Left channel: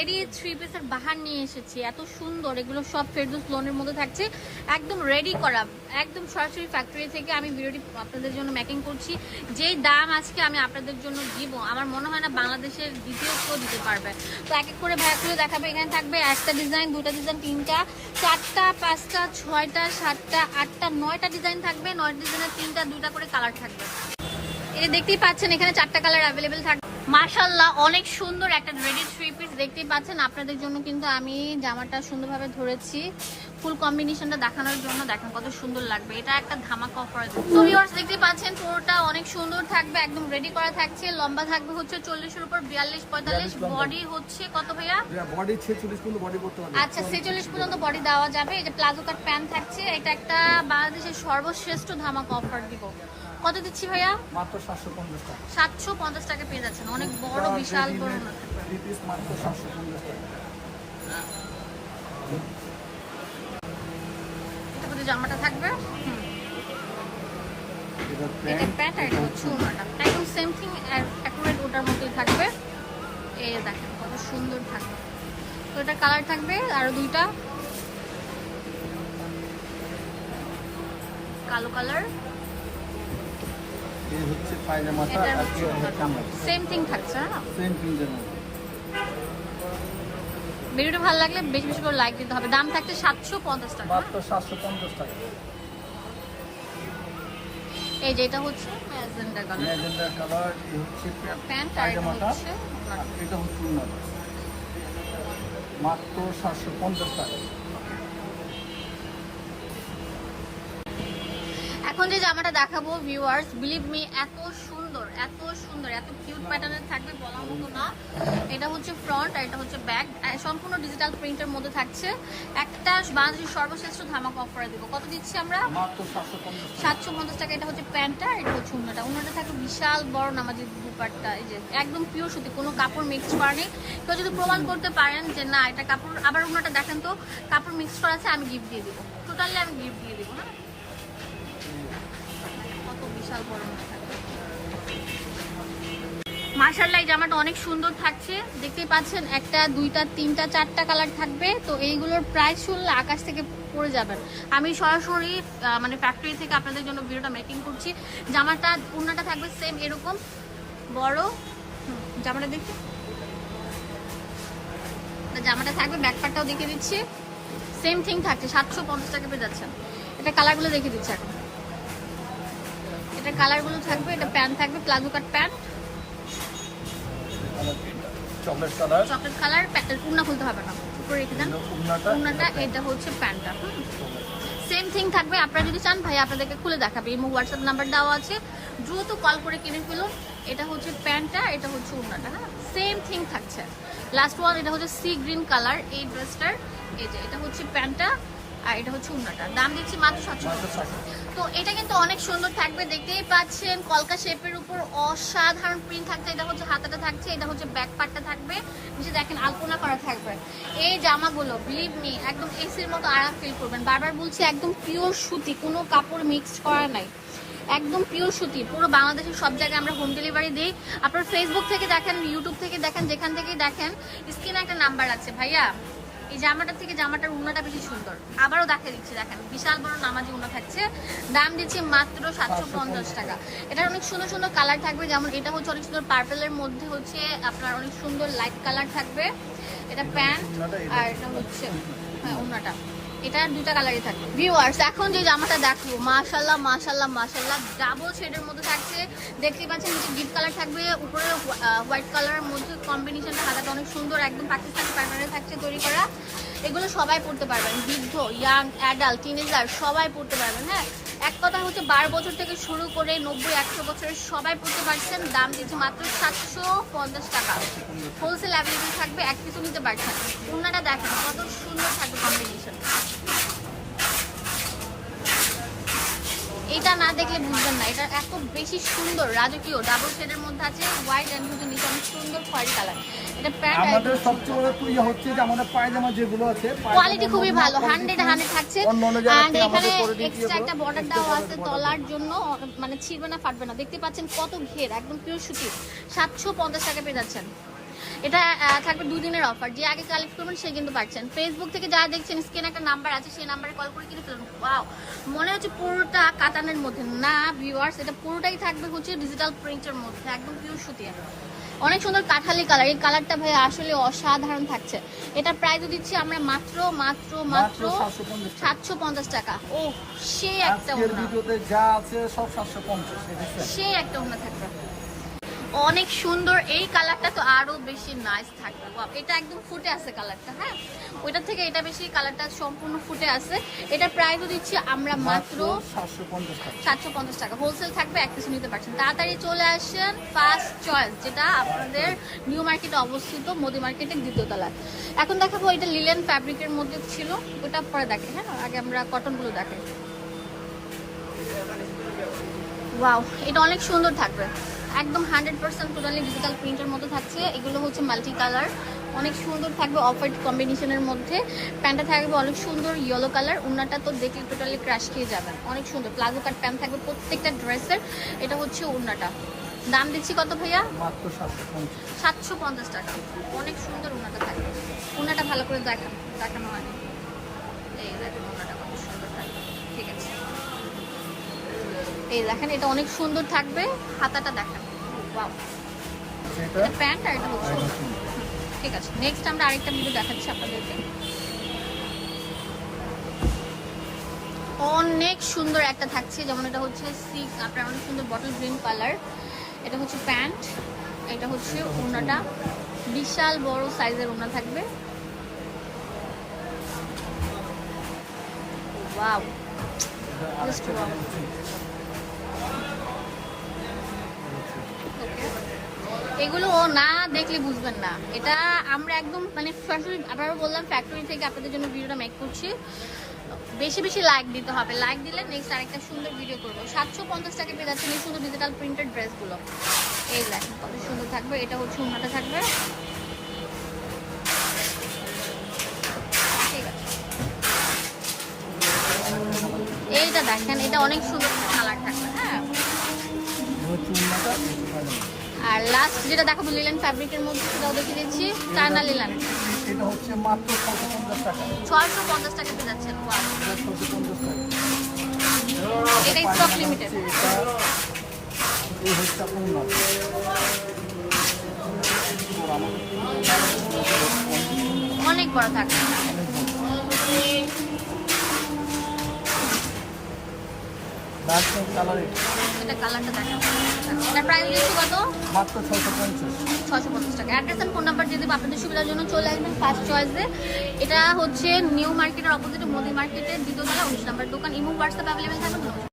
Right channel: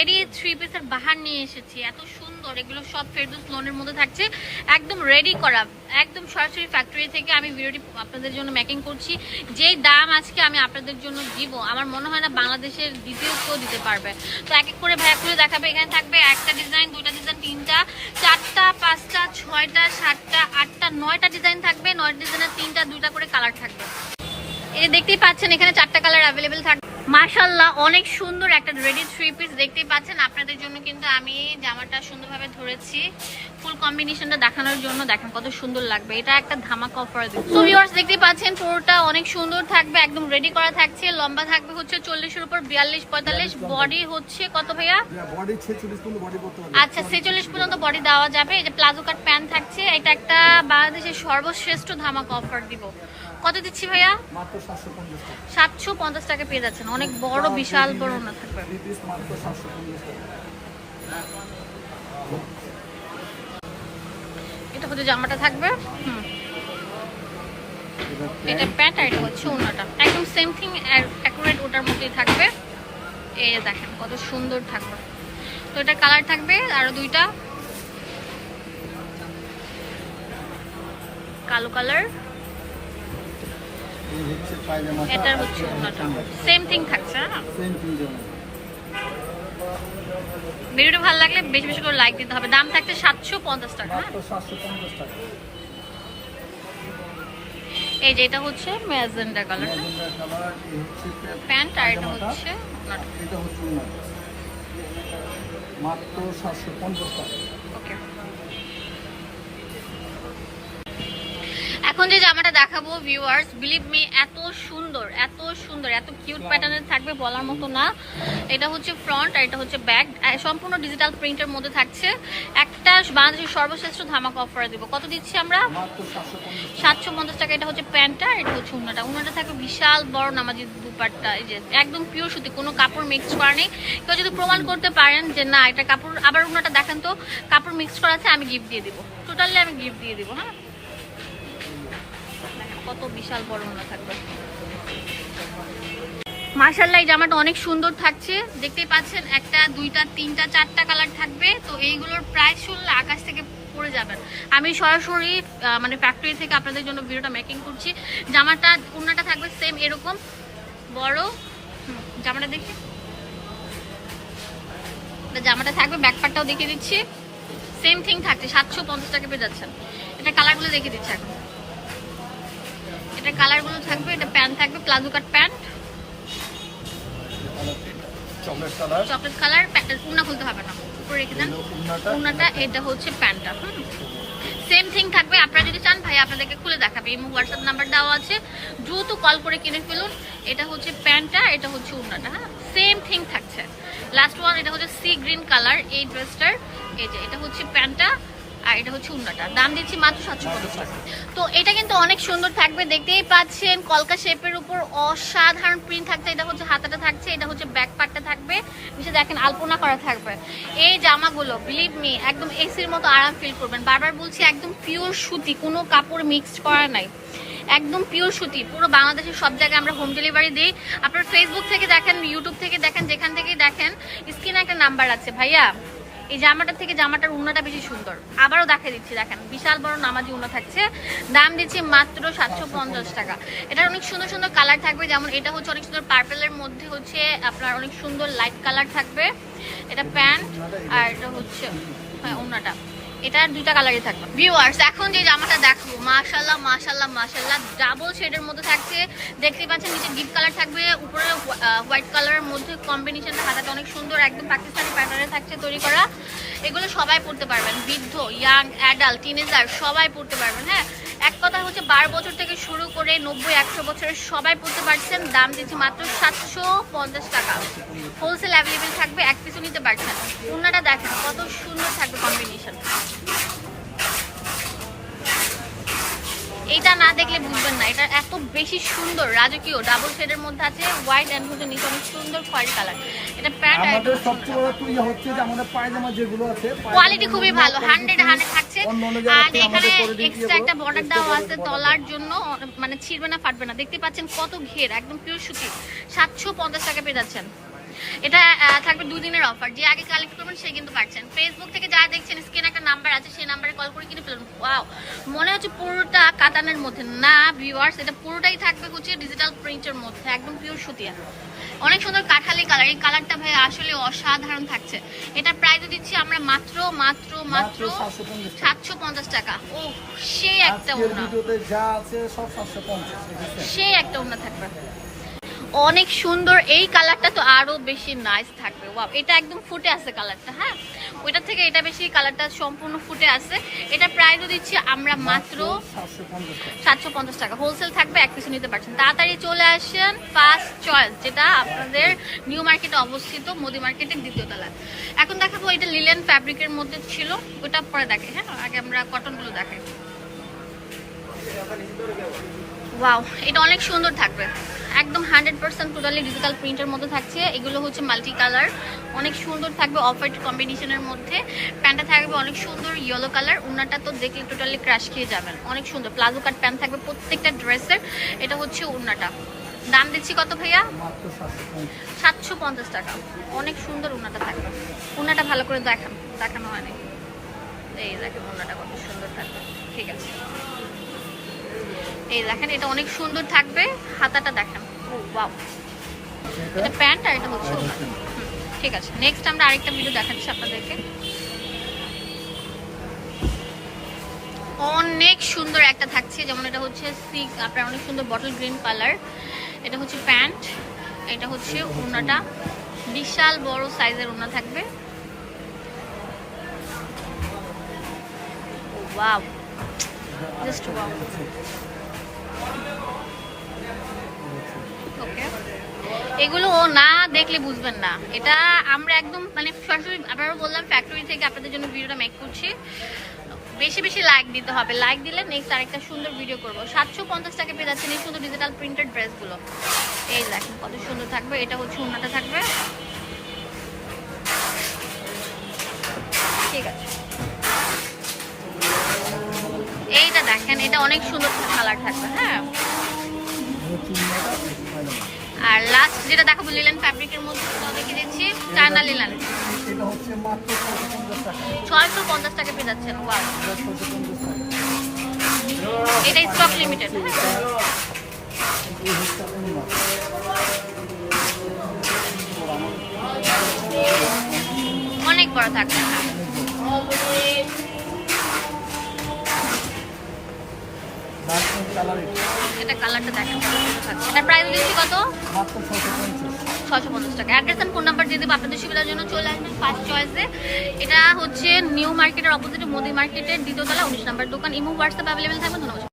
Ready three পিসের বাহার নিয়ে এসেছি। এত সুন্দর। এগুলো সব ফেরদুস লোনের মধ্যে থাকছে। একদম রেডি করা। একদম সরাসরি ফ্যাক্টরি থেকে আমি ভিডিওটি আপনাদের জন্য মেকিং করছি। যেই দাম আজকে আমি আপনাদের জন্য দিব, আমার মনে হয় না বাংলাদেশের দ্বিতীয় কেউ দিতে পারবে। তো এক এক করে ভাইয়া খুলে দেখাবে। এখানে থাকবে একটা ডিজাইন দুটা ডিজাইন তিনটা। চারটা, পাঁচটা, ছয়টা, সাতটা, আটটা, নয়টা ডিজাইন থাকবে। নয়টা ডিজাইনের তিনটা, দুইটা করে কালার থাকবে। এই দেখতেই পাচ্ছেন, এখানে চারটা কালার অ্যাভেলেবেল থাকবে মাশাল্লাহ অনেক সুন্দর একটা রেডি থ্রি পিস দেখতেই পাচ্ছেন। আপনাদের জন্য কিন্তু আমি জামাটা সুন্দরভাবে ধরেছি। ফুল কম্বিনেশনটা দেখানোর জন্য দেখেন কত সুন্দর লাগবে। এটা একটা ধামাকা অফার তো ভিউয়ার্স দেখতেই পাচ্ছেন পুরোটা অনেক সুন্দর থাকবে একদম রেডি করা থাকছে। লম্বা থাকবে হচ্ছে চল্লিশের উপর বিয়াল্লিশ পঁয়তাল্লিশ। লম্বা বডি হচ্ছে কত ভাইয়া? বডি ছেচল্লিশ পর্যন্ত বডি করতে পারবে। আচ্ছা ছেচল্লিশ পর্যন্ত বডি দেওয়া যাবে। এই যে প্লাজো কাট প্যান্ট থাকছে এটা একটা বাংলাদেশের সর্বশ্রেষ্ঠ ধামাকা অফার দিব। কত দিচ্ছি ভাইয়া? মাত্র সাতশো পঞ্চাশ টাকা। পেয়ে যাচ্ছেন। অনেক বড় বিশাল বড় না থাকবে। পিস মাত্র সাতশো পঞ্চাশ টাকা। এটা হচ্ছে জামাটা থাকবে। হুম। এটা প্যান্ট আর এটা হচ্ছে ওনাটা। একদম সেম থিং অ্যাকুরেট ওটার মতোই থাকবে। এই দেখেন কত সুন্দর থাকবে। তো এটা কালার থাকবে আরও দুইটা। কালো কালার এই হচ্ছে পায়জামাটা এটা হচ্ছে সেম থিং থাকছে হ্যাঁ সেম থিং যেমন। ভিডিওটা ভালো লাগলে বেশি বেশি করে লাইক দিতে হবে। দাম থাকছে সাতশো পঞ্চাশ টাকা হ্যাঁ? সাতশো পঞ্চাশ টাকা। এই যে এটা হচ্ছে ম্যাজেন্ডা কালার ম্যাজেন্ডা কালার এই হচ্ছে প্যান্ট আর এটা হচ্ছে এটা হচ্ছে মাত্র সাতশো পঞ্চাশ টাকা। এখন যে জামাটা দেখাবো ভিউয়ার্স বিলিভ মি এত সুন্দর এত সুন্দর, এত কিউট প্যাটার্নের থাকবে বলার মতো না। এটা হচ্ছে ফ্রন্ট আর এটা হচ্ছে ব্যাক সম্পূর্ণ ডিজিটাল প্রিন্টের মধ্যে থাকছে। একটা বাংলাদেশের সর্বশ্রেষ্ঠ ধামাকা অফার দিব। কত দিচ্ছি আমরা? সাতশো পঞ্চাশ টাকা। এটা হচ্ছে প্যান্টটা এটা হচ্ছে উন্নাটা উন্নাটা থাকবে বিশাল বড় নামাজি দুপাট্টা। এই যে একদম পিওর সুতি, কোনো কাপড় মিক্স করা নেই। কেউ যদি প্রমাণ করতে পারেন যে না, এটা কাপড়, আবার উন্নাটা দেখেন তো, কাপড় মিক্স করা আছে, আমি গিফট দিয়ে দিব। টোটালি আমি গিফট দিয়ে দিব হ্যাঁ? কত বিশাল উন্না থাকবে। মার্শাল্লাহ এই জামাটা অনেক সুন্দর থাকছে। দেখতেই পাচ্ছেন, একটা, দুইটা, তিনটা, চারটা কালার থাকবে। তো এইগুলোর প্রাইস শুনলে আকাশ থেকে পড়ে যাবেন আমি সরাসরি মানে ফ্যাক্টরি থেকে আপনাদের জন্য ভিডিওটা মেকিং করছি। জামাটা উন্নাটা থাকবে সেম এরকম। বড় জামাটা দেখি। জামাটা থাকবে ব্যাকপারটাও দেখিয়ে দিচ্ছি। সেম থিং থাকছে, সাতশো পঞ্চাশ টাকা পেয়ে যাচ্ছেন। এটা কালারগুলো দেখিয়ে দিচ্ছে এখন। এটা কালারগুলো থাকবে এটা প্যান্ট থাকবে palazzo cut pant chocolate colour chocolate colour উন্না খুলতে হবে না। উপরে রেখে দেন। উন্নাটা উন্নাটা এটা হচ্ছে প্যান্টটা সেম থিং থাকবে আপনারা যদি চান ভাই আপনাদেরকে খুলে দেখাবে। এই হোয়াটসঅ্যাপ নাম্বার দেওয়া আছে। দ্রুত কল করে কিনে ফেলুন। এটা হচ্ছে প্যান্টটা এটা হচ্ছে উন্নাটা হ্যাঁ। সেম থিং থাকছে। লাস্ট ওয়ান এটা হচ্ছে সি গ্রিন কালার এই ড্রেসটার এই যে এটা হচ্ছে প্যান্টটা আর এটা হচ্ছে উন্নাটা। দাম দিচ্ছি মাত্র সাতশো তো এটা কিন্তু অনেক সুন্দর থাকবে, দেখতেই পাচ্ছেন। কলকা শেপের উপর অসাধারণ প্রিন্ট থাকছে। এটা হচ্ছে হাতাটা থাকছে, এটা হচ্ছে ব্যাক পার্টটা থাকবে। নিচে দেখেন আলপনা করা থাকবে। এই জামাগুলো বিলিভ মি একদম এসির মতো আরাম ফিল করবেন। বারবার বলছি, একদম পিওর সুতি, কোনো কাপড় মিক্সড করা নাই। একদম পিওর সুতি, পুরো বাংলাদেশের সব জায়গায় আমরা হোম ডেলিভারি দিই। আপনার ফেসবুক থেকে দেখেন ইউটিউব থেকে দেখেন, যেখান থেকেই দেখেন, স্ক্রিনে একটা নাম্বার আছে। ভাইয়া এই জামাটার থেকে জামাটার উন্নাটা বেশি সুন্দর। আবারও দেখা দিচ্ছি, দেখেন, বিশাল বড় নামাজি উন্না থাকছে। দাম দিচ্ছি মাত্র সাতশো পঞ্চাশ টাকা। এটার অনেক সুন্দর সুন্দর কালার থাকবে, যেমন এটা হচ্ছে অনেক সুন্দর পার্পেলের মধ্যে হচ্ছে আপনার অনেক সুন্দর লাইট কালার থাকবে। এটা প্যান্ট, আর এটা হচ্ছে হ্যাঁ উন্নাটা এটা দুইটা কালারই থাকবে। ভিউয়ার্স এখন যে জামাটা দেখো মাশাল্লাহ মাশাল্লাহ মাশাল্লাহ ডাবল শেডের মধ্যে থাকছে। দেখতেই পাচ্ছেন, নিচে ডিপ কালার থাকবে, উপরে হোয়াইট কালারের মধ্যে কম্বিনেশনটা হাতাটা অনেক সুন্দর, একদম পাকিস্তানি প্যাটার্নে থাকছে তৈরি করা। এগুলো সবাই পড়তে পারবেন, বৃদ্ধ ইয়াং অ্যাডাল্ট টিনেজার সবাই পড়তে পারবেন হ্যাঁ? এক কথা হচ্ছে, বারো বছর থেকে শুরু করে নব্বই, একশো বছরের সবাই পড়তে পারছেন। দাম দিচ্ছে মাত্র সাতশো পঞ্চাশ টাকা। হোলসেল অ্যাভেলেবেল থাকবে, এক পিছু নিতে পারছেন ওনাটা দেখেন কত সুন্দর থাকবে কম্বিনেশন এইটা না দেখলে বুঝবেন না। এটা এত বেশি সুন্দর রাজকীয়। ডাবল শেডের মধ্যে আছে হোয়াইট অ্যান্ড হচ্ছে নিচে অনেক সুন্দর খয়েরি কালার এটা প্যান্ট আমাদের সবচেয়ে বড় তো ইয়ে হচ্ছে যে আমাদের পায়জামা যেগুলো আছে কোয়ালিটি খুবই ভালো হান্ড্রেড হান্ড্রেড থাকছে। অন্য অন্য আর এখানে এক্সট্রা একটা বর্ডার দেওয়া আছে তলার জন্য। মানে ছিড়বে না ফাটবে না। দেখতে পাচ্ছেন কত ঘের একদম পিওর সুতি সাতশো পঞ্চাশ টাকা পেয়ে যাচ্ছেন। এটা থাকবে দুই দিনের অফার যে আগে কালেক্ট করবেন সে কিন্তু পাচ্ছেন ফেসবুক থেকে যারা দেখছেন স্ক্রিনে একটা নাম্বার আছে সেই নাম্বারে কল করে কিনে ফেলুন। ওয়াও মনে হচ্ছে পুরোটা কাতানের মধ্যে। না ভিউয়ার্স এটা পুরোটাই থাকবে হচ্ছে ডিজিটাল প্রিন্টের মধ্যে একদম পিওর সুতিয়া। অনেক সুন্দর কাঠালি কালার এই কালারটা ভাই আসলে অসাধারণ থাকছে। এটা প্রাইস দিচ্ছি আমরা মাত্র মাত্র মাত্র সাতশো পঞ্চাশ টাকা। ও সেই একটা আজকের ওনা ভিডিওতে যা আছে সব সাতশো পঞ্চাশ দেখেছেন সেই একটা ওনা থাকবে। অনেক সুন্দর। এই কালারটা তো আরও বেশি নাইস থাকবে। ওয়াও এটা একদম ফুটে আছে কালারটা হ্যাঁ? ওইটা থেকে এটা বেশি কালারটা সম্পূর্ণ ফুটে আছে। এটা প্রাইসও দিচ্ছি আমরা মাত্র সাতশো পঞ্চাশ টাকা। সাতশো পঞ্চাশ টাকা। হোলসেল থাকবে এক পিছু নিতে পারছেন। তাড়াতাড়ি চলে আসেন ফার্স্ট চয়েস যেটা আপনাদের নিউ মার্কেটে অবস্থিত মোদি মার্কেটের দ্বিতীয় তলায়। এখন দেখাবো এটা লিলেন ফ্যাব্রিকের মধ্যে ছিল। ওটা পরে দেখে হ্যাঁ? আগে আমরা কটনগুলো দেখাই। ওয়াও এটা অনেক সুন্দর থাকবে। একদম হান্ড্রেড পার্সেন্ট টোটালি ডিজিটাল প্রিন্টের মধ্যে থাকছে। এগুলো হচ্ছে মাল্টি কালার অনেক সুন্দর থাকবে অফ হোয়াইট কম্বিনেশনের মধ্যে। প্যান্টটা থাকবে অনেক সুন্দর ইয়েলো কালার উন্নাটা তো দেখলে টোটালি ক্রাশ খেয়ে যাবেন। অনেক সুন্দর। প্লাজো কাট প্যান্ট থাকবে প্রত্যেকটা ড্রেসের এটা হচ্ছে উন্নাটা দাম দিচ্ছি কত ভাইয়া? সাতশো পঞ্চাশ। সাতশো পঞ্চাশ টাকা। অনেক সুন্দর উন্নাটা থাকবে। উন্নাটা ভালো করে দেখান দেখানো হয়নি। এই দেখেন উন্নাটা কত সুন্দর থাকবে। ঠিক আছে। এই দেখেন এটা অনেক সুন্দর থাকবে। হাতাটা দেখেন। ও বাও আচ্ছা, এটা প্যান্ট আর এটা হচ্ছে। ঠিক আছে। নেক্সট আমরা আরেকটা ভিডিও দেখাচ্ছি আপনাদেরকে। অনেক সুন্দর একটা থাকছে। যেমন এটা হচ্ছে সিক আপনার অনেক সুন্দর বটল গ্রিন কালার এটা হচ্ছে প্যান্ট। এটা হচ্ছে ওড়নাটা বিশাল বড় সাইজের ওড়না থাকবে। Wow wow. হচ্ছে- এগুলো ও না দেখলে বুঝবেন না। এটা আমরা একদম মানে সরাসরি আপনারা বললাম ফ্যাক্টরি থেকে আপনাদের জন্য ভিডিওটা মেক করছি। বেশি বেশি লাইক দিতে হবে। লাইক দিলে নেক্সট আরেকটা সুন্দর ভিডিও করব। সাতশো পঞ্চাশ টাকা পেয়ে যাচ্ছেন এই সুন্দর ডিজিটাল প্রিন্টেড ড্রেসগুলো এই দেখেন কত সুন্দর থাকবে। এটা হচ্ছে উন্নাটা থাকবে। ঠিক আছে। এইটা দেখেন, এটা অনেক সুন্দর কালার থাকবে হ্যাঁ। আর লাস্ট যেটা দেখাবো লিলেন ফ্যাব্রিকের মধ্যে সেটাও দিচ্ছি চায়না লিলেন এটা হচ্ছে মাত্র ছশো পঞ্চাশ টাকা। ছয়শো পঞ্চাশ টাকা পেয়ে যাচ্ছেন ওয়াও এটা টাকা স্টক লিমিটেড হ্যাঁ। এই হচ্ছে অনেক বড় থাকবে কালার এটা। এটা কালারটা দেখেন এটা প্রাইস দিচ্ছি কত? মাত্র টাকা। অ্যাড্রেস ফোন নাম্বার দিয়ে দেবো আপনাদের সুবিধার জন্য চলে আসবেন ফার্স্ট চয়েসে এটা হচ্ছে নিউ মার্কেটের অপোজিট মোদি মার্কেটের দ্বিতীয় তালা উনিশ নাম্বার দোকান। ইমো হোয়াটসঅ্যাপ অ্যাভেলেবেল থাকবে ধন্যবাদ।